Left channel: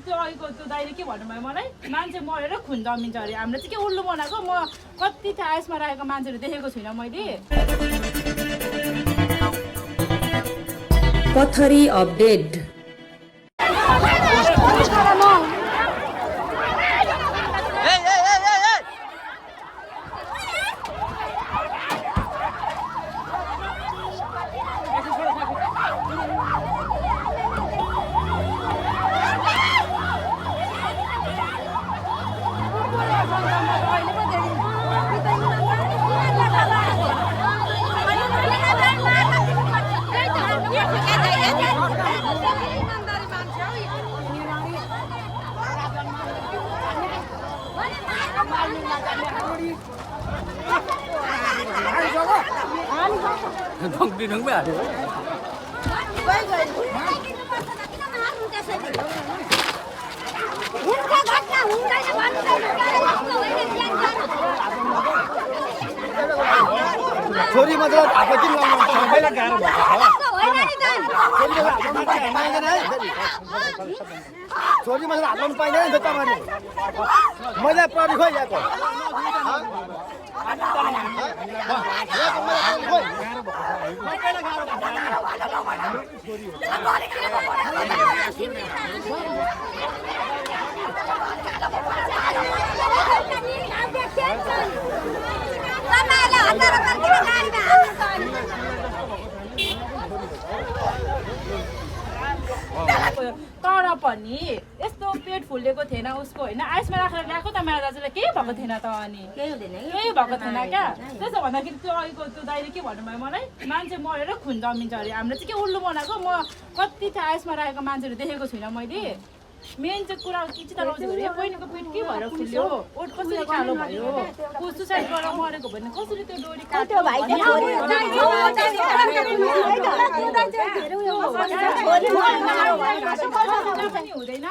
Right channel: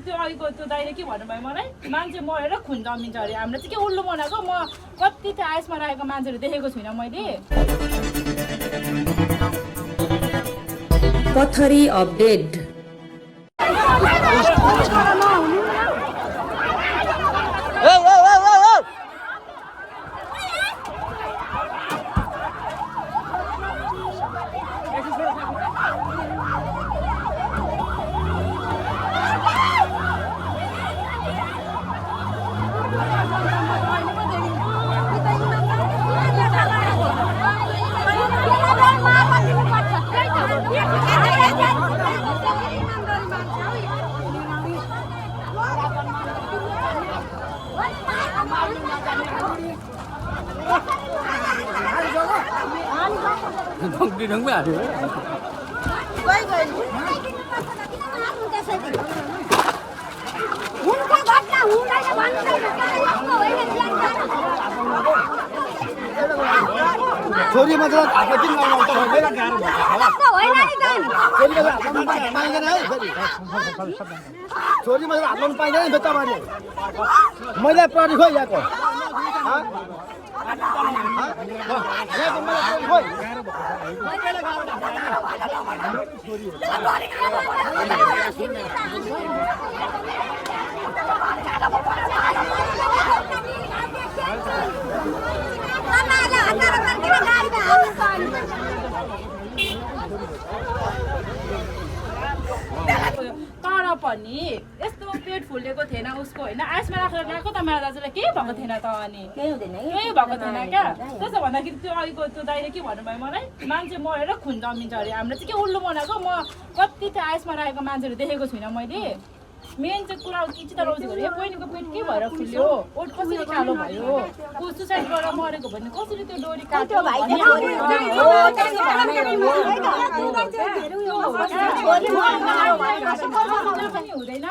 त्यो अहिलेको त्यो दाइले के भन्नुभयो मलाई मान्छे मरेर खुन जमिन्छ अरे हाम्रो चाहिँ के उल्लु बनाएको म कति त्यो आइसमा राखेको मान्छेहरू देखेको छुइनँ मैले पथरी अपडेट छोरी मतलब हातमा किन लगाउनु सबैलाई गाह्रो छोरी मतलब हातमा पाइँदैन नि तपाईँले मैले पढी खोइ यहाँको तर पनि यस्तो पेट फुलेको थिएन उसको होइन आइसमा राखेर ल्याएको त मेरो दाजुलाई केही भएको थिएन त अनि केही भएको थिएन क्या त्यसो भन्दाखेरि त्यो अहिलेको त्यो दाइले के भन्नुभयो मलाई मान्छे मरेर खुन जमिन्छ अरे हाम्रो चाहिँ के उल्लु बनाएको म कति त्यो आइसमा राखेको मान्छेहरू देखेको छुइनँ मैले मेन चाहिँ कुरा के चाहिँ तर यो बहिनीको पेट के भएर फुल्यो ओट कसरी कालो भयो को सुसाइड गरेर मरेको भने कसरी त्यो डोरी काट्यो हुँदैन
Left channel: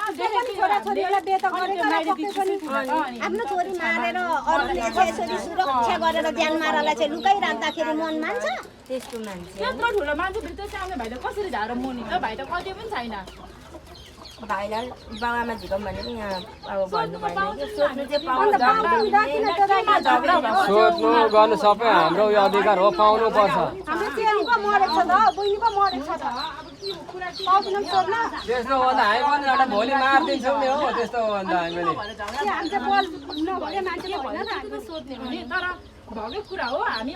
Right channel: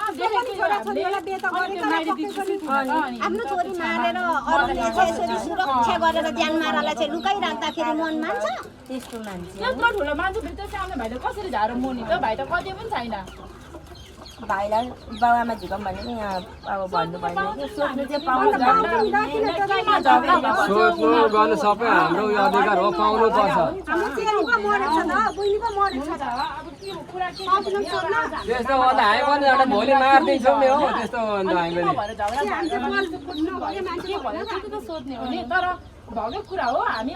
त्यत्रो ठुलो मान्छे भित्र सानो भाइले कसरी झाएर मुनि त भाइ त कति पनि छैन भाइलाई बाबामा झिकम भने नि यहाँ अब भन्नु भएन कि सोध्नु चाहिँ पाउनु गर्नु सबै हाम्रो यो अधिकार हो पाउनु पर्छ त्यस्तो भन्दा हामी पनि एउटा भोलि मारिदिन्छौँ नि हो त्यस्तो भन्दा हामी पनि सोध्ने हो नि तर भएकै कुरा हो हामी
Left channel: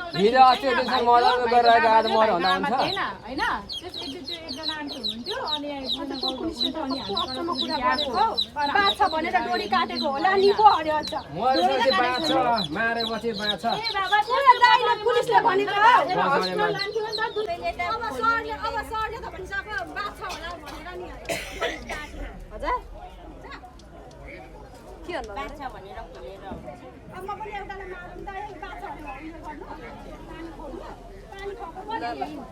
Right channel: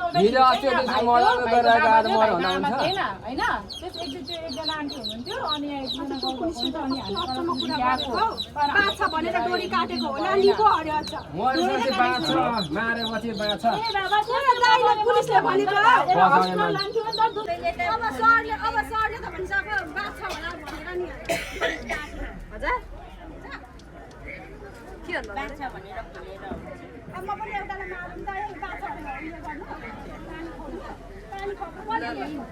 थिएन होइन एकजना आन्टी हुनुहुन्थ्यो अनि एकजना मारेपछि बाँच्छ म पनि एउटालाई मारौँ त यही बाछाहरूलाई उयो गर्नु पानी खको पनि हाम्रो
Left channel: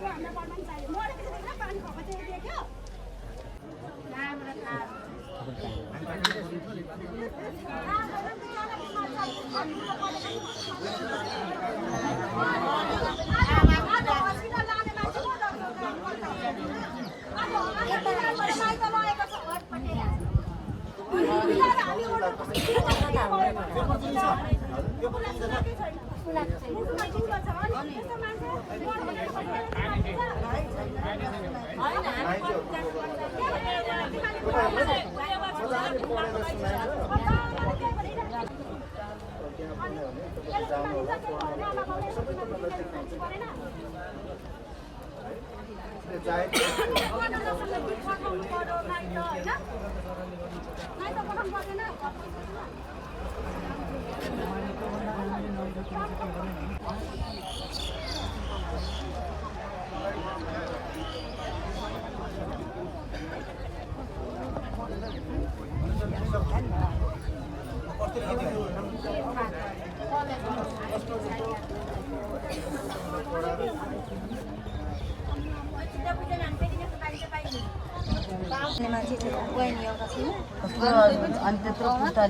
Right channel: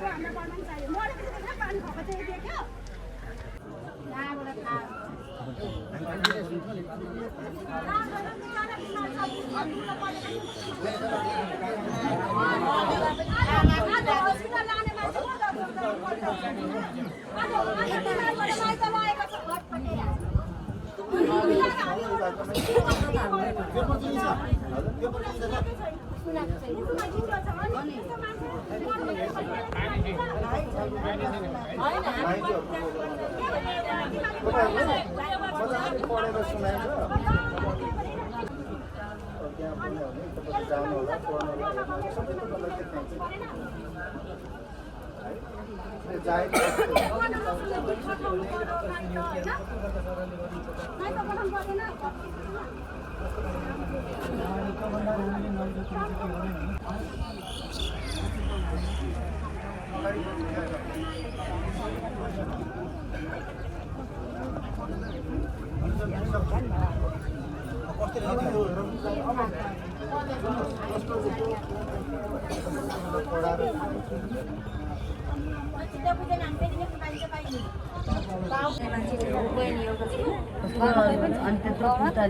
घरमा पनि चाहियो मरेपछि देखा पानी खको चाहिँ देख्यो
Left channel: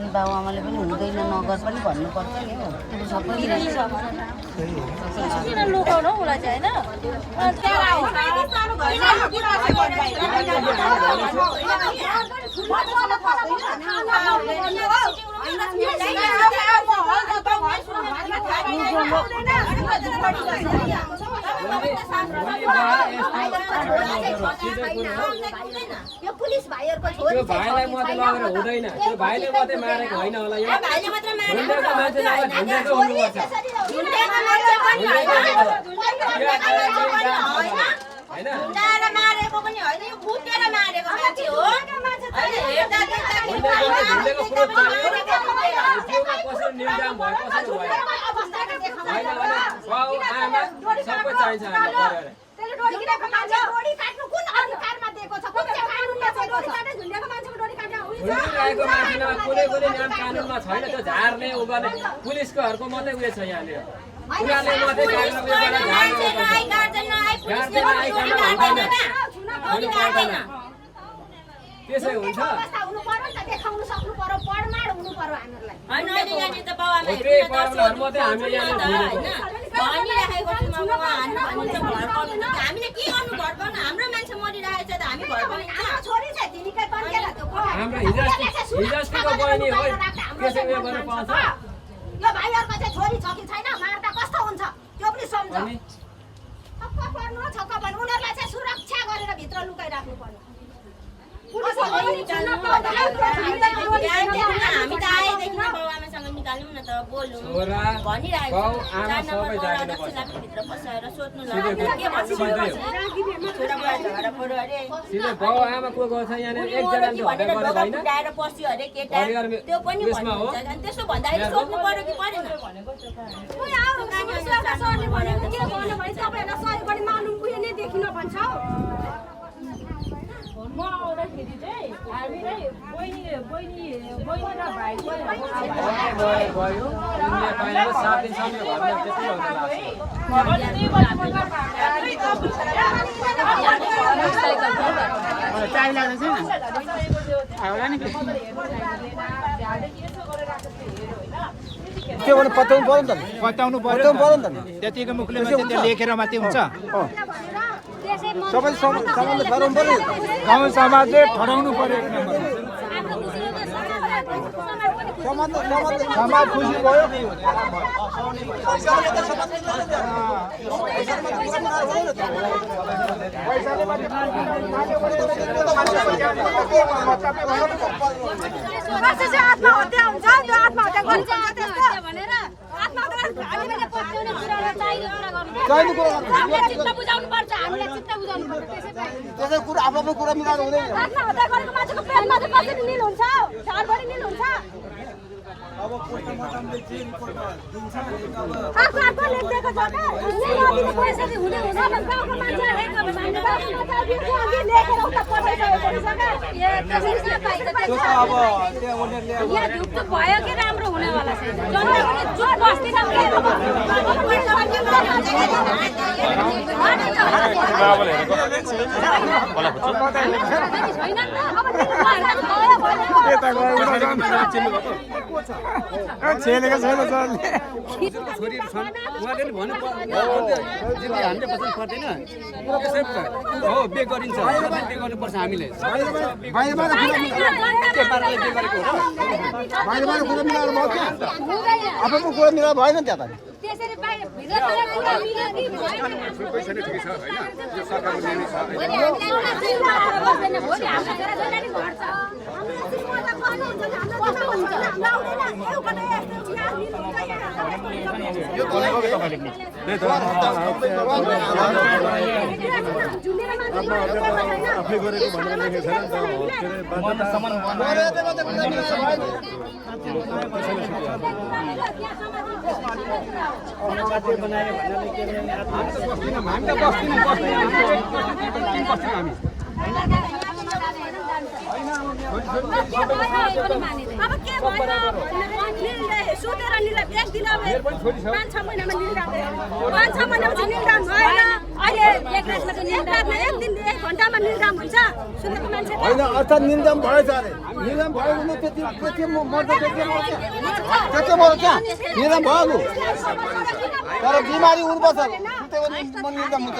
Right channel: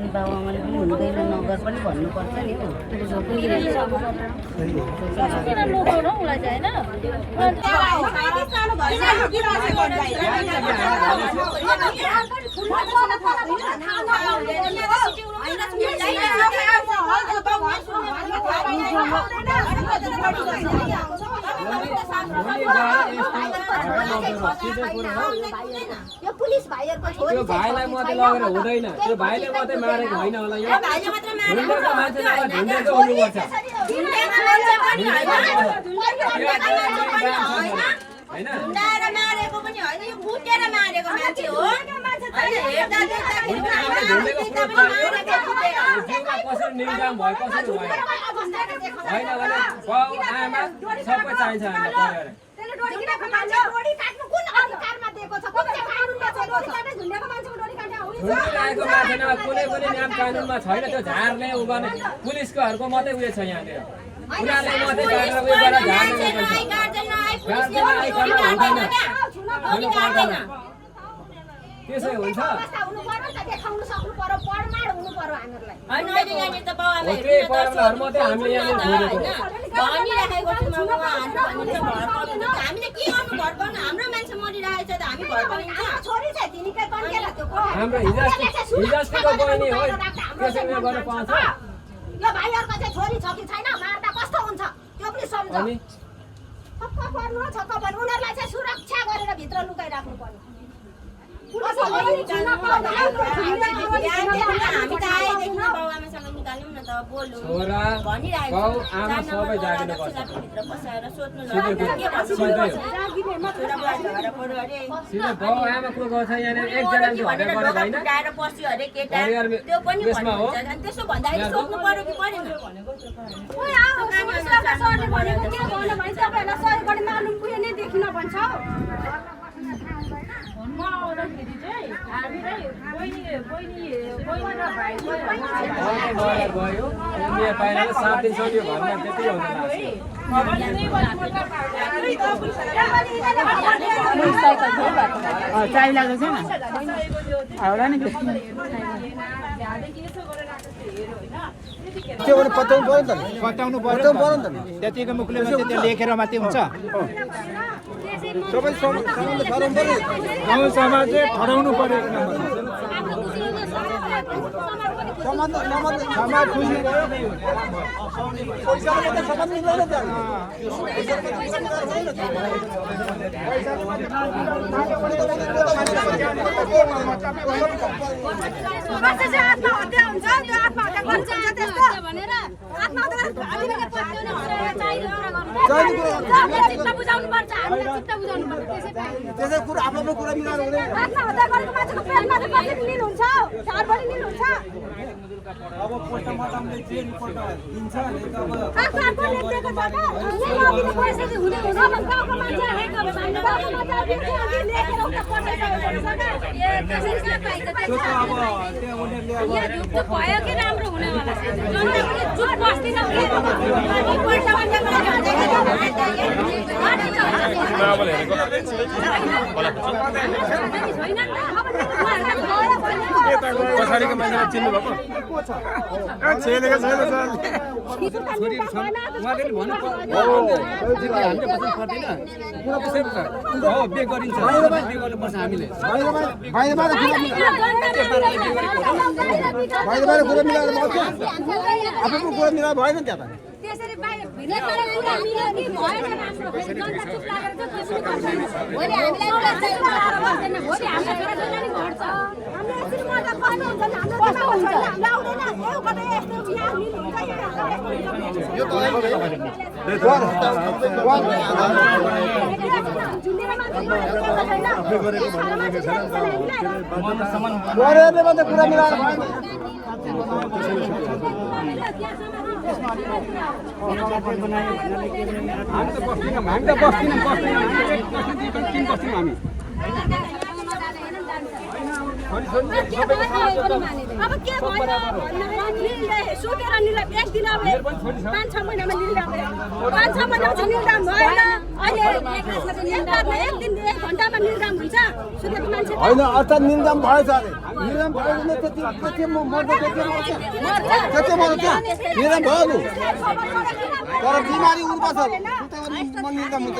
बाबुआमाले पनि हुँदैन मगज पनि भन्नुपर्छ नि हो यो पुलिस भाइहरुको छोरी त्यो भाइलाई मात्रै लगेर हुँदैन त्यो भाइले मात्रै मारेको होइन होला यहाँ भाइले मात्र झुन्डेको मान्छे नभए झुन्डेको हुनुपर्छ झुन्डेको मान्छे पनि होइन झुन्डाएर मारेको पनि होइन यो भुटेर मारेको मान्छे हो हैन हेर्दा झुन्डेको प्रुफ चाहियो जिउमा कसरी निर्दाम भयो कसरी भयो होइन भने बाउ आमा सबै चाहिन्छ हामीलाई परिवार झुन्डेको मान्छे डोरी काट्नु कुन अधिकारमा दिएको छ कुन कानुनले दिएको छ झुन्डेको मान्छेको डोरी काट्नु हुन्छ झुन्डेको मान्छेमा कुनै पनि नियम कानुनमा छैन त्यो झार्ने उ गर्ने पुलिसकोहरूको मात्रै उयो छ यहाँनिर उनीहरूले मात्रै काटेर उयो गरेर झार्ने त्यसै हुन्छ हुनु पर्यो नि त देखाउनु सक्नु पर्यो पढमाड हुनु पर्यो हामीहरुलाई होइन अहिले त बाउ आमा त्यही प्रब्लमहरु मात्रै हामी यहाँ भनिराखेको छौँ म हान्नु भनिन्छ घर पर्नु हामीले के गर्नु घर पर्नु हाम्रो मान्छे मरिरहेको छ त हामी घर पर्नु छोरी चाहिँ तिनीकै कन्केर त्यो हाम्रो हिजोस्तिको बहिनी हो त्यसै उयो गर्न पाउँछ यो भाइहरुको चाहिँ छोरी छ कि छैन मार्दा कस्तो हुन्छ त्यो पनि सम्झ अनि छक्क पर्नु छक्क पर्नु उनीहरुलाई चाहिँ सुरक्षा गरेर भित्र लुकाइ राख्नु पर्यो हामी त आएदेखि बाउ आमासँग निकाल्यौँ न त बोल्नु छोरा भनिरहेको बाउ आमा सबै जागिनु पर्छ भित्र बसाएर सोध्नु सिधै सिधै बाउ आमा को गर्छ यहाँनिर एकजनाले झगडा गरेको होइन उठाएर पस्यो अरे केटा परिवार त्यो पनि यसमा हो भन्नुहुन्छ अनि त्यसो भन्दाखेरि सोध्नु पर्यो कि परेन ओइ आउ पुलिसलाई सर्ने भनेको के गर्नु भने तपाईहरुलाई सही गर्ने मालुम कुनै नै देखिन भन्छ म आउँदाखेरि चाहिँ हामीलाई बहिनी र भाइ गयो यहाँ पाएर 7 दिनसम्म भन्ने त्यति हुन्छ के भने पत्याउनु पर्यो नि त बताउनु पर्यो नि त त्यतिको मुखले मात्रै त्यो लेखेर मात्रै हुन्छ गाउँ समाजले ठहराउनु पर्यो एक नम्बरमा समाज खुसी भयो पैसाले त समाज मिल्दैन त्यहाँ पैसाले आत्महत्या हुन्छ त्यो आत्महत्या गर्छ त्यस्तो भनेर आत्महत्या हामीले पत्याउने कुरा चाहियो चित्त बुझाउनु पर्छ हामीले चित्त बुझाउनु पर्छ त्यसै कुरा आफ्नो कुरा मिलाउनु हुँदैन आत्महत्या गरेको मान्छेको प्लानमा चाहिँ कति दिन हुन्छ 4 भरि दिन हुन्छ अब पोस्टमार्टमले के रिपोर्ट दिन्छ त्यो त अब त्यो उनीहरूले भयो कि राम्रो हुनेवाला चुप बस्दिन पछाडिको मान्छेले चिन्नु भएको छोरीहरू छन् उहाँहरूले भन्नु दिदी हामीले बस्नु पर्दैन त्यसै हो बे गरिन्छ बे गर्नुपर्छ हामीले बाहिर कुरा मिलाएर भयो आफ्नो कुरा मिलाएर भएन नि त्यहाँ त त्यसरी बाहिर भित्र कुरा मिल्यो कि भएन राम्रो जनता चुप लागेर चाहिँ भोलि हामीलाई एउटा छोरा छोरी घट्छ आफै गरेको भनेर लेखेको छैन नि हामी अब के भयो भन्ने सुतेर निले एक दिन अब 5-6 महिनामा निर्दाम 5-6 महिनापछि निर्दाम भएन अहिले एक दिन 1 घन्टामा निर्दाम हुन्छ सुनेको मान्छे होइन अर्थात् निर्दाम भएछ अरे निर्दाम भएको न त्यति मर्छ निर्दाम भयो लु तर बिमारी उर्छ निर्दाम हुन्छ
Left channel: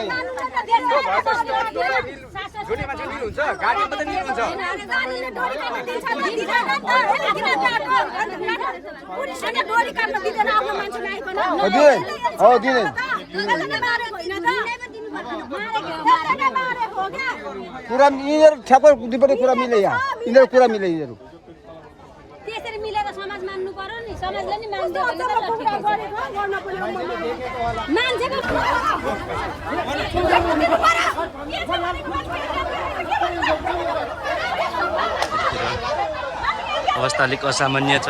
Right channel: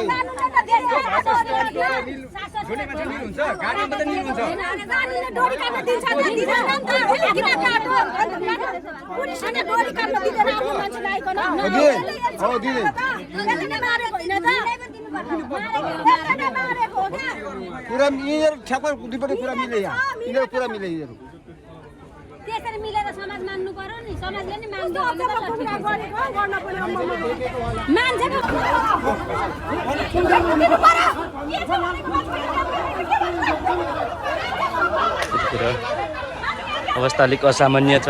पुलिसले डोरी काट्न दिँदैन आफ्नो मान्छे आइकन कुरा यिनीहरू ठ्याप्पै दुईपट्टि कुरा मिले यहाँ यिनीहरू कुरा मिले यिनीहरू त्यसरी मिलेको समाज मान्नु पर्यो नि समाजले नि मान्दैन यतिखेर अवस्था अलिक असामान्य छ।